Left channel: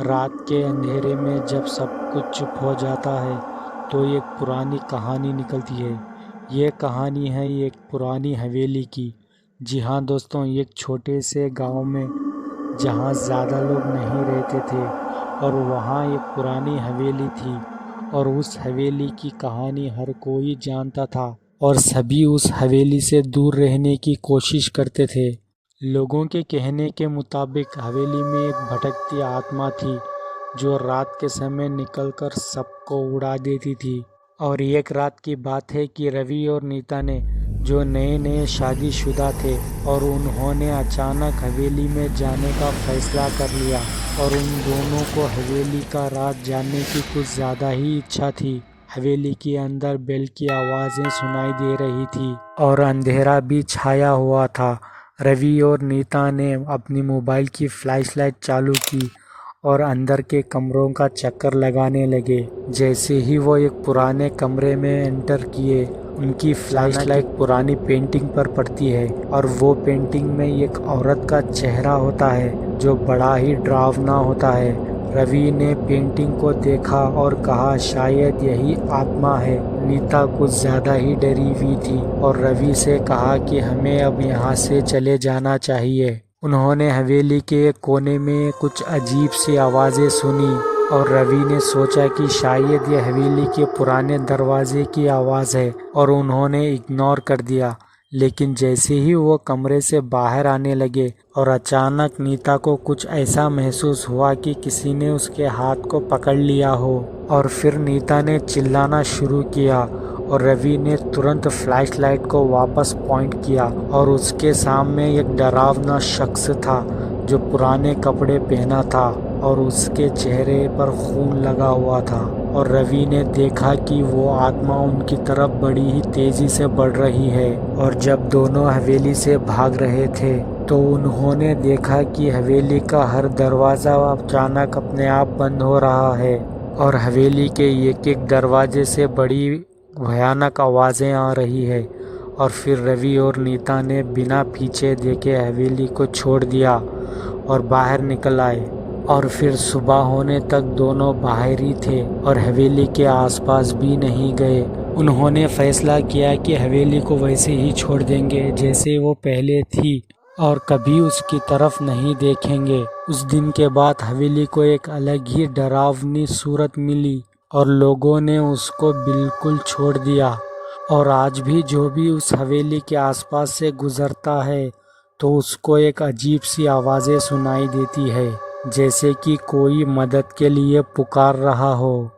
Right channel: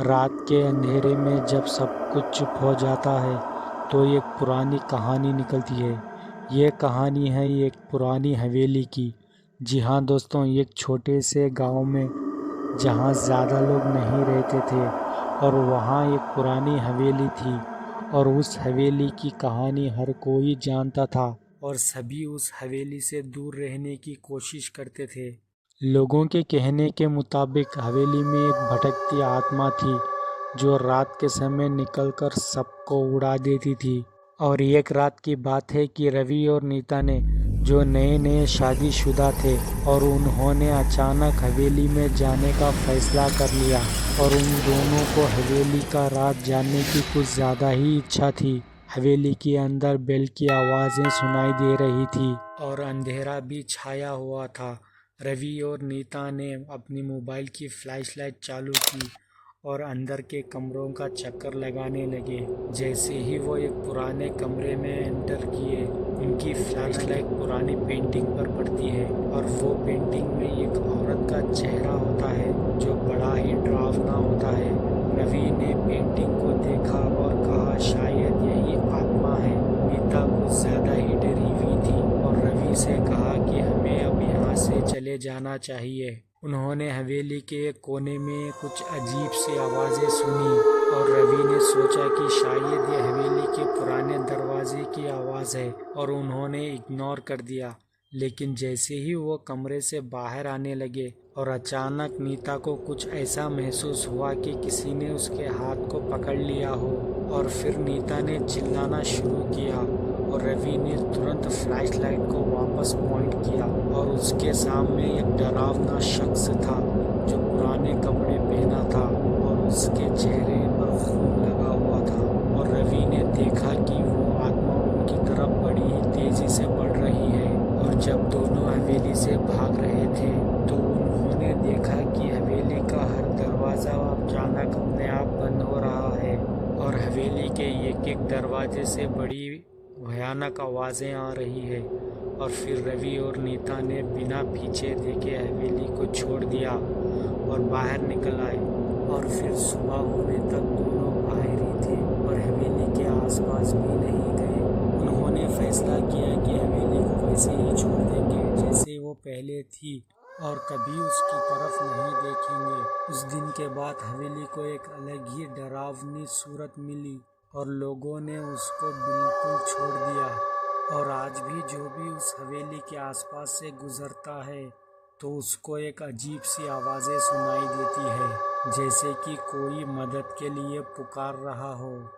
रात के अंधेरे में जब सब कुछ चुप हो जाता है तो एक पुरानी कहानी निकलती है। ये कहानी है एक पुरानी हवेली की। जी हाँ दोस्तों, एक छोटे से गांव में जहाँ ज़्यादा लोग नहीं रहते थे और वहाँ एक पुरानी हवेली थी। और उस हवेली की कहानी हर कोई जानता था और सभी उस हवेली से दूर रहने की कोशिश करते थे। लोगों के कहने के मुताबिक हवेली में एक भटकती आत्मा थी जो रात के समय निकलकर सबको उड़ा देती थी। और एक रात की बात है कि रवि और नीता ने, जो नए नए शादीशुदा थे, और उन्होंने अचानक हवेली में जाने का फैसला कर लिया। और उन दोनों को हवेली का राज जानने की कुछ ज़्यादा ही इच्छा थी। हवेली के अंदर बेल की आवाज़ें सुनाई दे रही थी और अंधेरा भी छाया हुआ था। रवि और नीता ने अपनी मोबाइल की फ्लैशलाइट चालू की और अंदर के कमरों का चक्कर लगाने लगे। जैसे ही वो एक पुराने कमरे में एंटर किए, उनकी फ्लैशलाइट पुरानी पेंटिंग पर पड़ती है और वो पेंटिंग में एक औरत का चेहरा होता है जो बड़ा ही डरावना होता है। रवि ने पेंटिंग को देखा और कहा, शायद यही आत्मा है। नीता कुछ ज़्यादा ही डरी हुई थी और रवि से कहा कि हमें अब यहाँ से चले जाना चाहिए। उन्होंने हवेली के एक कोने में कुछ अजीब सी आवाज़ें सुनी और रवि ने सोचा कि शायद ये हवेली के पुराने दरवाजे की आवाज़ है और उन्होंने इग्नोर कर दिया। लेकिन जैसे ही वो कमरे से बाहर आने लगे और अचानक नीता को कुछ ऐसा महसूस हुआ कि किसी ने उसके हाथ को पकड़ लिया हो। और फिर नीता ने चिल्लाना शुरू किया और रवि ने तुरंत फ्लैशलाइट को वापस पॉइंट किया और उसके सामने एक डरावना शख्स था जो पुराने कपड़े पहना था और उसके चेहरे पर खून लगा हुआ था। और रवि ने देखा कि वो आत्मा उनकी तरफ बड़ी ही तेजी से बढ़ रही है। और जब दोनों हवेली से भाग रहे थे तो उन्होंने देखा कि हवेली का हर दरवाज़ा अचानक अपने आप बंद हो रहा है और हवेली के एक एक दरवाजे से बड़ी भयानक आवाज़ें आ रही है। और फिर रवि और नीता ने बिना पीछे देखे हवेली को छोड़ दिया और बाहर निकल आए। और फिर सुबह होने तक दोनों बाहर ही थे और हवेली के आसपास भी नहीं गए। उन्होंने फैसला किया कि हवेली को वैसे ही छोड़ देंगे जैसे वो पहले थी और कभी उसकी तरफ नहीं देखेंगे। उस दिन के बाद हवेली को एक अलग ही डरावनी सूरत मिली और लोगों ने उसको बिल्कुल छोड़ दिया। और आज भी जो भी उस हवेली के आसपास से गुजरता है तो उसको एक अजीब सी आवाज़ें सुनाई देती है, जैसे कि कोई मदद के लिए पुकार रहा हो।